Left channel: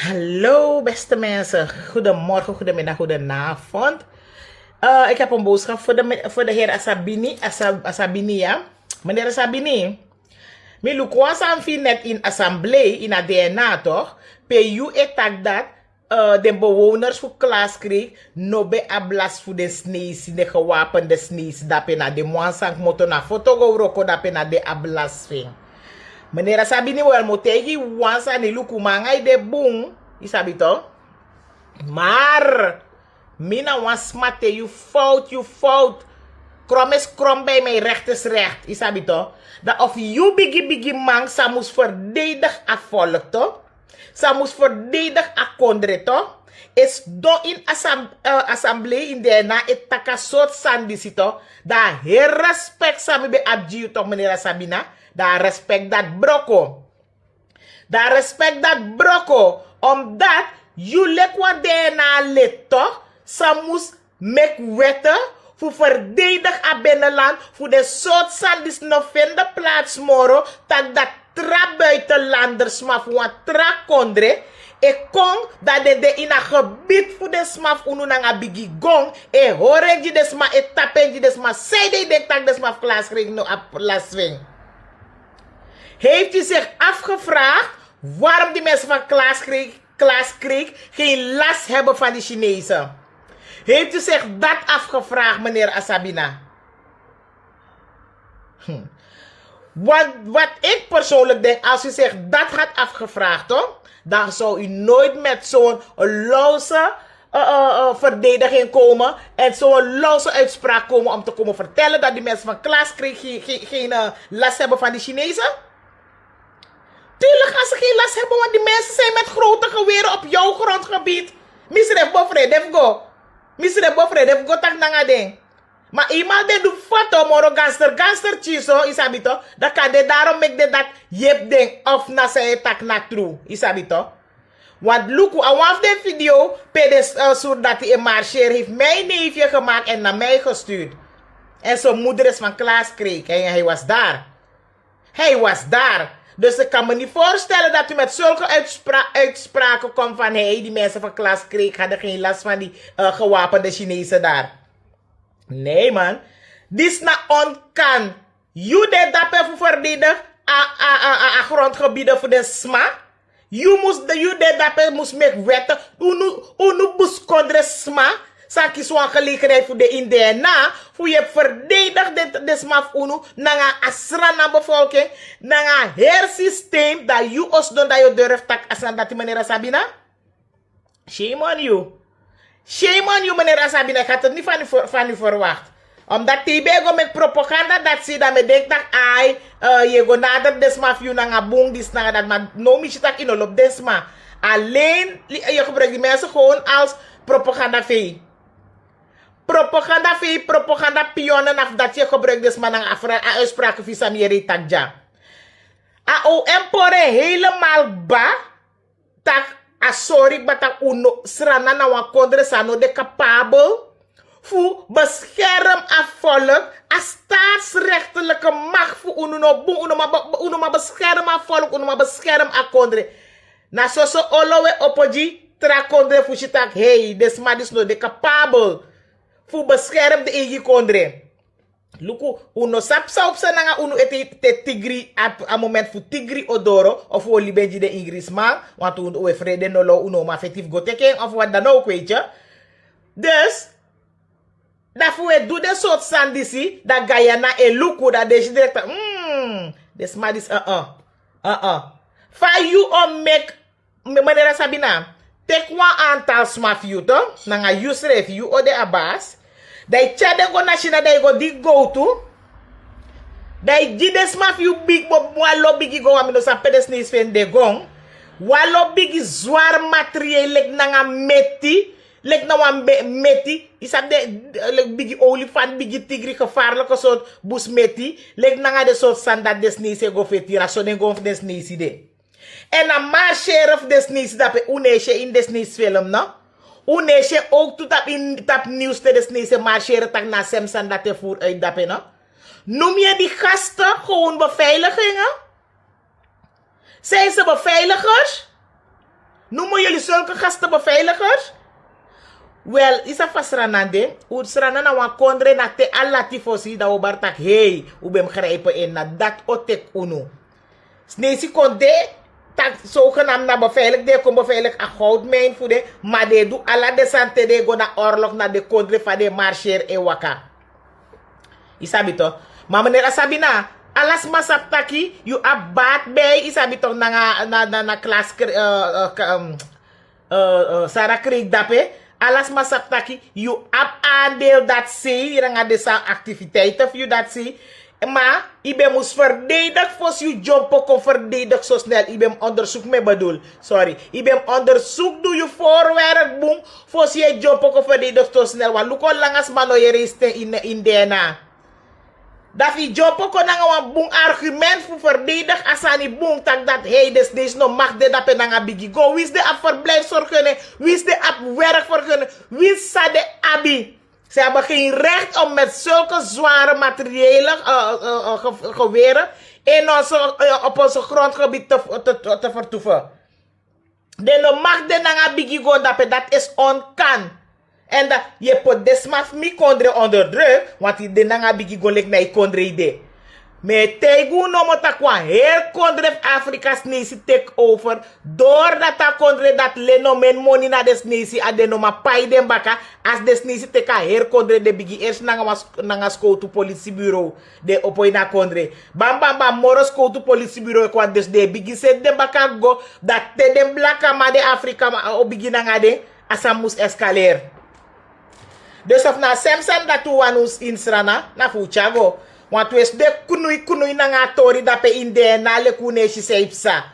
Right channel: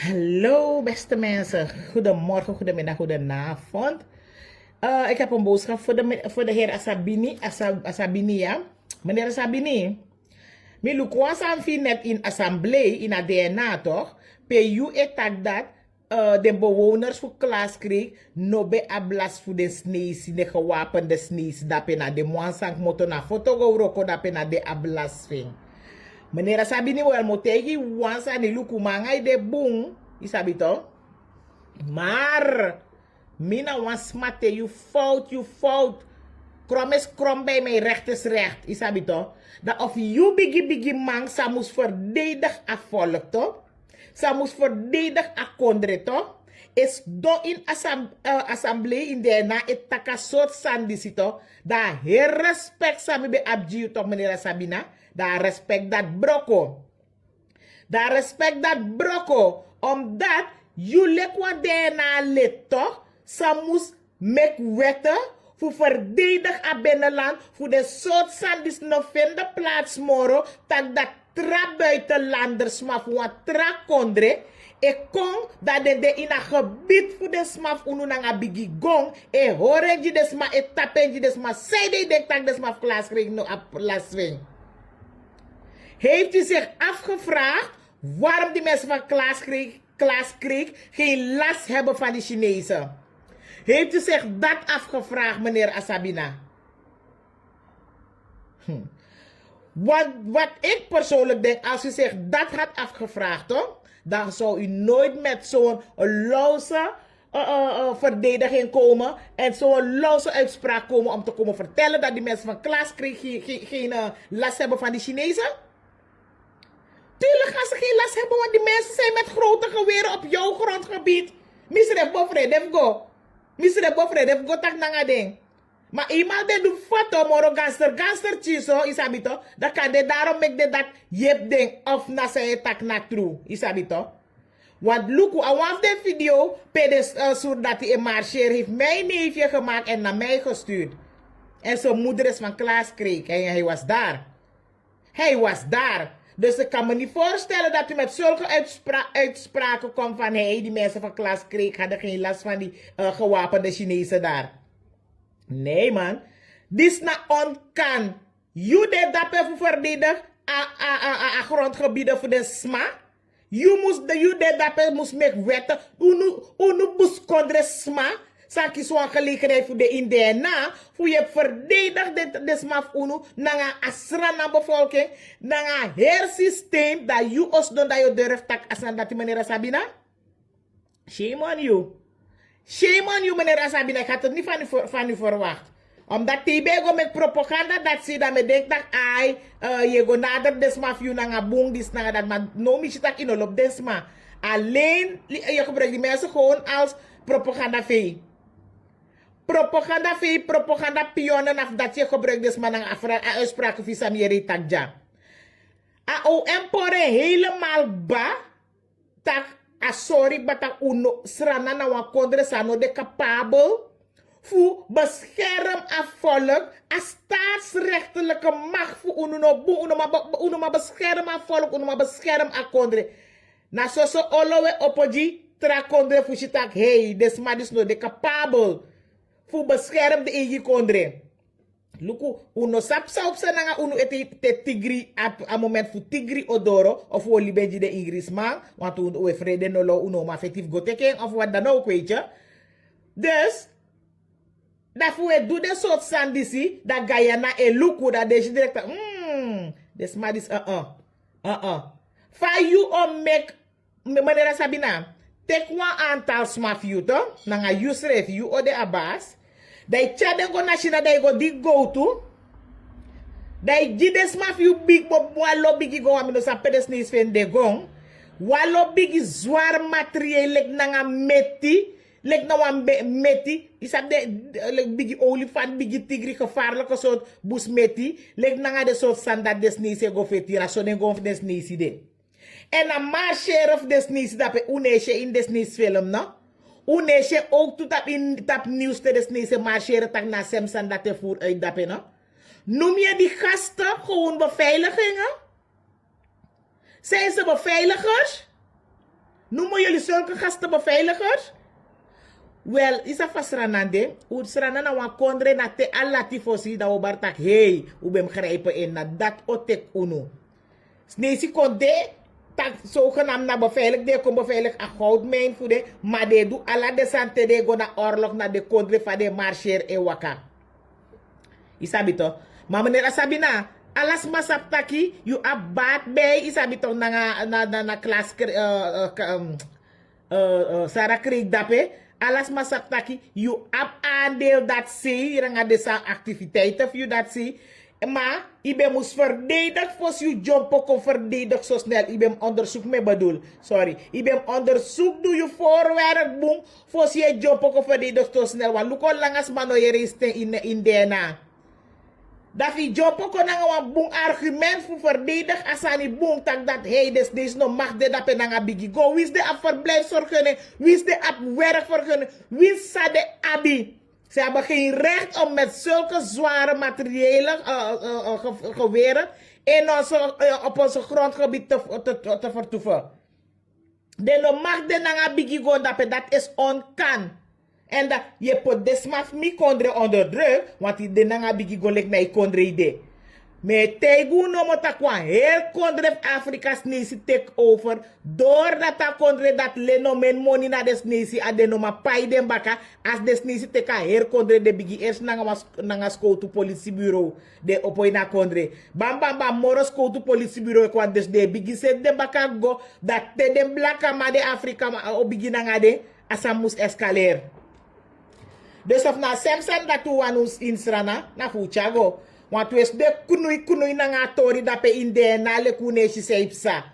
Hallo beste mensen, goedemorgen, goedemiddag, goedenavond. Ik heb een boodschap voor de heer Asabini, Asabini ja. Meneer Asabini, mi lukwas aan net in assemblee in het DNA toch? PU etak dat de bewoners voor Klaaskreek no be ablas voor de snees, de gewapende snees, dat na de moansang moto na foto go roko dat na de ablas ving. Meneer Sabini wel motegi wansa ni luku mangai de boom. Isabi to? Maar mina was smate you fout. Krom is krom bij mij, recht is recht. Isabi to? Dat of you bigi man sa moest verdedig a volk to? Sa moest verdedig a kondre to? Is do in assemblee in de na et takasot sandisi to? Da her respect sa mi be abji to meneer Sabina. Da respect dat broko. Da respect dat broko. Omdat you lek wat DNA lid toch? Sa moest mek wette voor verdedig a binnenland. Voor de soort sandis no vinden plaats moro. Tak dat tra buitenlanders maar voor wat tra kondre. Ik kon dat de in een gebied voor de smaf unu nanga bigi gong. E horen je desma e tapen je desma. Zij de denk tak desma klaas kreeg no ap laswing. Heeft u zich afgevraagd waarom die mensen van Klaaskreek geen last hebben van de Chinezen? Heeft u zich dat afgevraagd, meneer Asabina? Wat ik persoonlijk denk, als u zich dat had afgevraagd, toch, dan zou u nooit met zo'n loze verdediging komen en zo'n loze uitspraak komen om te komen vertellen dat die mensen van Klaaskreek geen last hebben van de Chinezen. Tuurlijk gaan ze geen last hebben, want die mensen zijn met grote geweren op jouw grondgebied. Misref bofre, def go. Misref bofre, def go tak nanga ding. Maar eenmaal de doet foto, moro gangster chiso, isabito. Dan kan de daarom make de dat jep ding of na se tak na true, isabito. Want look, aan waf de video, pedes soort dat hij een marcheer heeft mijn neefje gemaakt en naar mij gestuurd. En zijn moeder is van Klaaskreek en hij was daar. Hij was daar. Dus ik kan me niet voorstellen dat u met zulke uitspraken komt van hey, die mensen van Klaaskreek hadden geen last van die gewapende Chinezen daar. Nee man. Dit is na onkan. You deed dat voor verdedigen a grondgebieden voor de sma. You deed dat moest make wetten. Unu buskondre sma. Saki zo'n gelegenheid voor de Indiana. Voor je verdedigt de smaf unu. Nanga asrana bevolking. Nanga hersysteem. Dat you os don dat je durft tak asran dat die meneer Sabina. Shame on you. Shame on you meneer Sabina. Ik had het niet van u verwacht. Omdat die go met propaganda dat ze dan me denkt dat ai je go nader desma you nanga boom dis nanga dat maar no misje tak inolop desma. Alleen je gebruikt die mensen gewoon als propaganda vee. Propaganda pionnen af dat je gebruikt dus maar een uitspraken via Samiri Takja. A o empore helemaal ba tak a sorry batak uno srana na wa kondre sano de capabel fu bescherm a volk a staatsrechtelijke macht fu uno ma bescherm a volk uno ma bescherm a kondre. Na so olowe opoji tra kondre fu shitak hey desma dis no de capabel fu bescherm de egi kondre. Luku, uno sapsa op sa nanga uno te tigri a moment fu tigri odoro of u libenji de Ingrisman, want uno we vrede no lo uno ma fetif go teken of wat dan ook weet je. Dus, dat fu we doe de soort sandisi, dat Guyana e luku, dat deze direct, des ma dis Fa you on make, meneer Sabina, tek wan aantal smaf you to, nanga yusref you o de abas, dai chade go national dai go di go to. Dai jides maf you big bo walo bigi go amino sa pedes nis fen de gong. Walo bigi zwar materieel lek nanga meti. Lek na wan meti. Isab de lek bigi olifant bigi tigri gevaarlijke soort bus meti. Lek nanga de soort standaard des nisi go fetira. So den go des nisi de. En a ma sheriff des nisi dape uneshe in des nisi film no. Unesje ook toe tap nieuws te desnese marcheren tak na Semsan dat te voer uit dapen, no? Noem je die gasten gewoon beveiligingen? Zijn ze beveiligers? Noemen jullie zulke gastenbeveiligers? Wel, isa fasranande. U srana na wan kondre na te alati fosi da obartak. Hey, u bem grijpen in na dat otek unu. Snesi konde, tak zogenaamd na beveilig. De kon beveilig a goudmijn voor de. Maar de doe alla de sante de go na oorlog na de kondre van de marcher e waka. Isabi to. Maar meneer Asabi na, alas masap taki, you a bad bay, isabi to na klas Sarah Creek dape. Alas masap taki, you ab aandeel dat zie, je nga desa activiteiten voor je dat zie. Maar, ibe moest verdedig voor je job kon verdedig zo snel. Ibe onderzoek me bedoel. Sorry. Ibe onderzoek doe je voorwerk boem voor je job kon verdedig zo snel. Want luko langas mano je reiste in DNA. Dat je job kon een boem argument voor verdedig asani boem tak dat hey des no mag de dat penanga bigi go. Wie is de ap verblijf zorgen? Wie is de ap werk zorgen? Wie is de abi? Ze hebben geen recht om met zulke zware materiële geweren op onze grondgebied te vertoeven. De mag de nanga bigi go dat is onkan. En dat je pot desmaf mi kondre onder druk, want die nanga bigi go lek na i kondre ide. Me tegu no mo takwa heel kondre Afrika's nesi take over. Doordat ta kondre dat leno men money na des nesi adenoma pay den baka. As des nesi teka heel kondre de bigi eerst nanga skoutu politiebureau. De opoi na kondre. Bam bam bam moro skoutu politiebureau kwa des de bigi set den baka go. Dat te den blaka ma de Afrika o bigi nanga de. Asa mus escaler. Dus of na semsan datu wanus insrana na fuchago. Want we de kunui na nga tori dape inde na le kuneshi seipsa.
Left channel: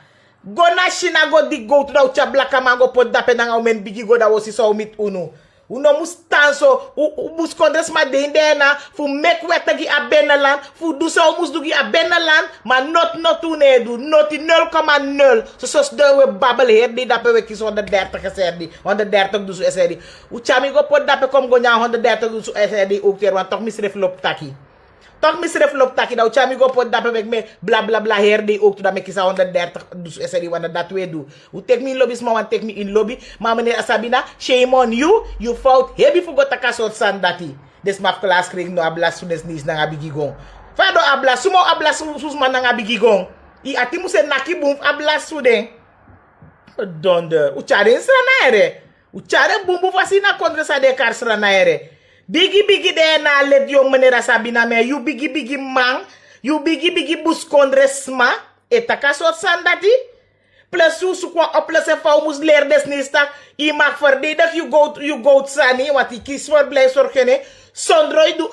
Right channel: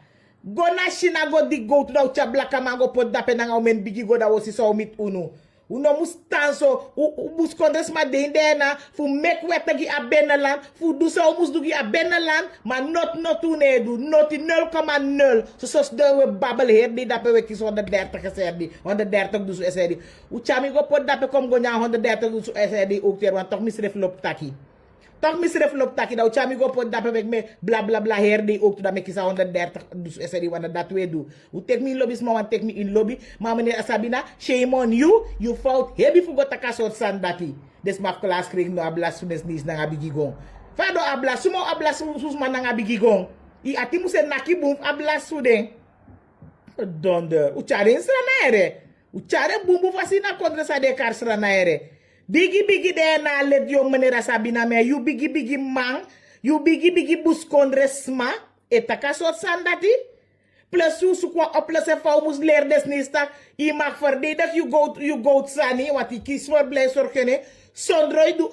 Go na shina go di go to da ucha blaka mango pod dape na nga umen bigi go da wosi so mit unu. Uno mustanso mus kondres ma de inde na fu mek wetagi a benalan fu du so mus dugi a benalan ma not unedu not 0,0 so sos de we babel her di dape we kis 130 geserdi 130 dusu esedi. Ucha mi go pod dape kom go nya 130 dusu esedi ook ter want toch misref lop taki. Toch misref lop taki da uchami go pot dape mek me bla bla bla herde ook to da mek isa 130 dus eseri wana dat we do. U take me in lobby ma wan take me in lobby ma meneer Asabina shame on you fout hebi fu go taka sort sandati. Des maf class kring no ablas su des nis na ngabigi gong. Fado ablas sumo ablas sus man na ngabigi gong. I ati mu se naki boom ablas su den. Donder. Uchare insra ere. Uchare bumbu fasina kontra sa de kar sra na ere. Bigi de na let yo meneer Sabina me you bigi man you bigi bus kondresma etaka sort sandati plus su kwa oplosse fa mus leer des nistak I mag verdedig you go sani wat I kies voor blij zorgen Sondroi doe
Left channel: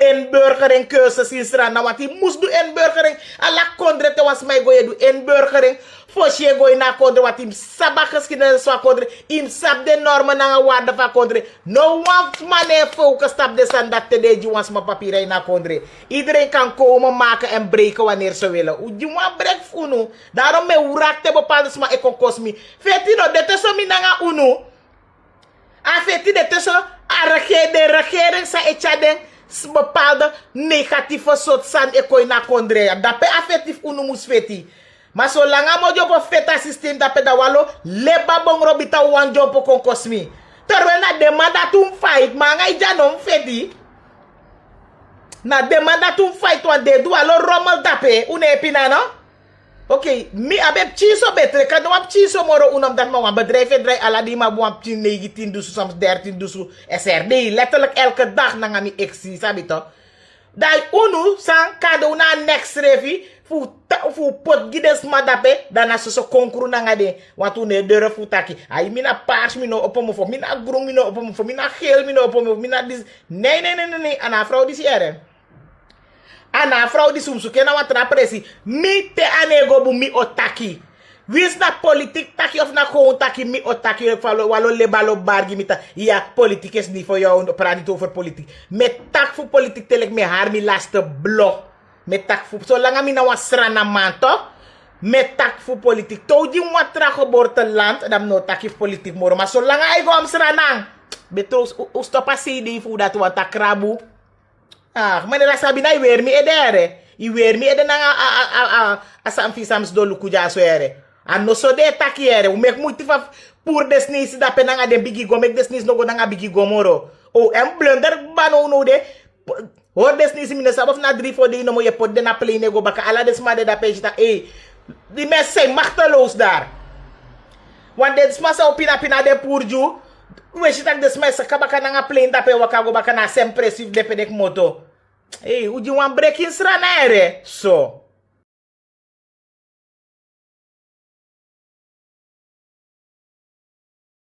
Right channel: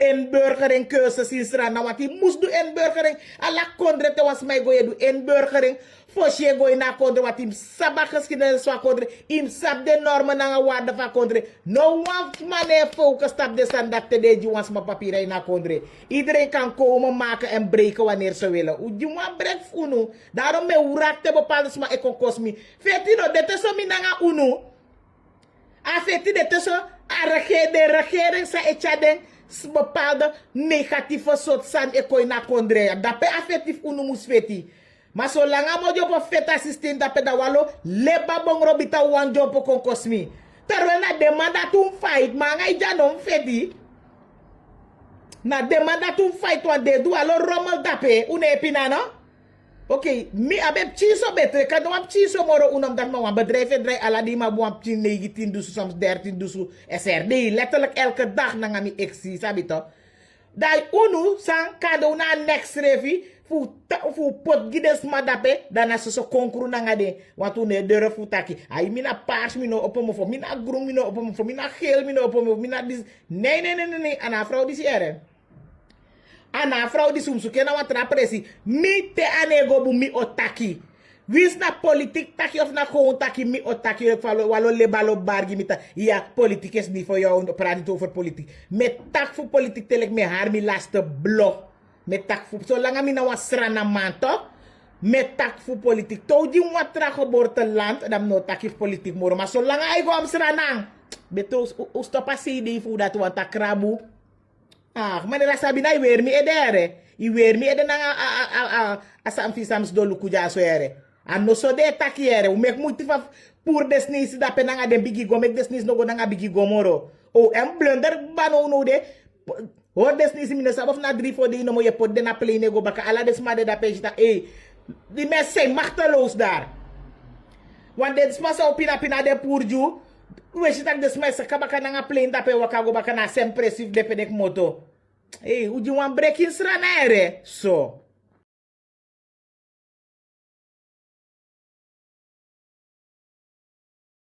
inburgering cursus in Strana wat I moest doen inburgering ala kondre te was mij goeie doe inburgering Fosje gooi na kondre wat im sabak geschiedenis van kondre im sab de normen na waarde van kondre no one man focus stap de sandat te de juwans ma papieren na kondre iedereen kan komen maken en breken wanneer ze willen juwan brek unu daarom me urak te bepaalde sma ekon kosmi feti no de te so mi na unu afeti de te so de regering sa echaden bepaalde negatieve soort san ekoi na kondre dape affectief unu mus feti maar zolang amo jopo feta system dape da walo leba bong robita wan jopo kon kosmi terwijl na demanda tum fight manga ijanom feti na demanda tum fight wan de du alo rommel dape une epina no Oké, mi abeb chiso betre. Kan wap chiso moro unam dat ma bedrijf draai ala di ma wap 19 dusu soms 13 dusu SRD. Letterlijk elke dag na ngami exi, sabi to. Dai unu sang kado na next revi fu pot gides madape dana so konkuru na ngade watu ne dere fu taki. Ai mina paars mino opomo fo mina groen mino opomo fo mina geel mino opomo mina dis. Nee, ana vrouw dis ere. Ana fraude sumsuke na watra presi mi te anego bu mi otaki wis na politik taki of na gewoon taki mi otaki walo lebalo bargi mita ja politiek is niet voor jou praat niet over politiek met tak voor politiek telek me haar mi laste blok met tak voor zolang mi na wasra na manto met tak voor politiek to di watra geboorteland dan no taki politiek moro maar zolang ay go am sranang betos ustopa CD fu dat wata krabu Ah, meneer Sabina, I weer mi edere. I weer mi ede na asa amfisams do lukuja so ere. Ano so de takiere, o mek muito fa pur desnis da penanga de bigi go mek desnis no go nanga bigi go moro. O em blunder bano no de hoor desnis mine sabaf na 3-4 de no mo je pot de na plane go baka ala desmade da page ta die mensen zijn machteloos daar. Want dit is maar zo pina de purju. Weet je dat deze mensen kabaka nanga plane da pe wakago baka na sempressief de pedek moto. Hoe je wan break in sranere? So.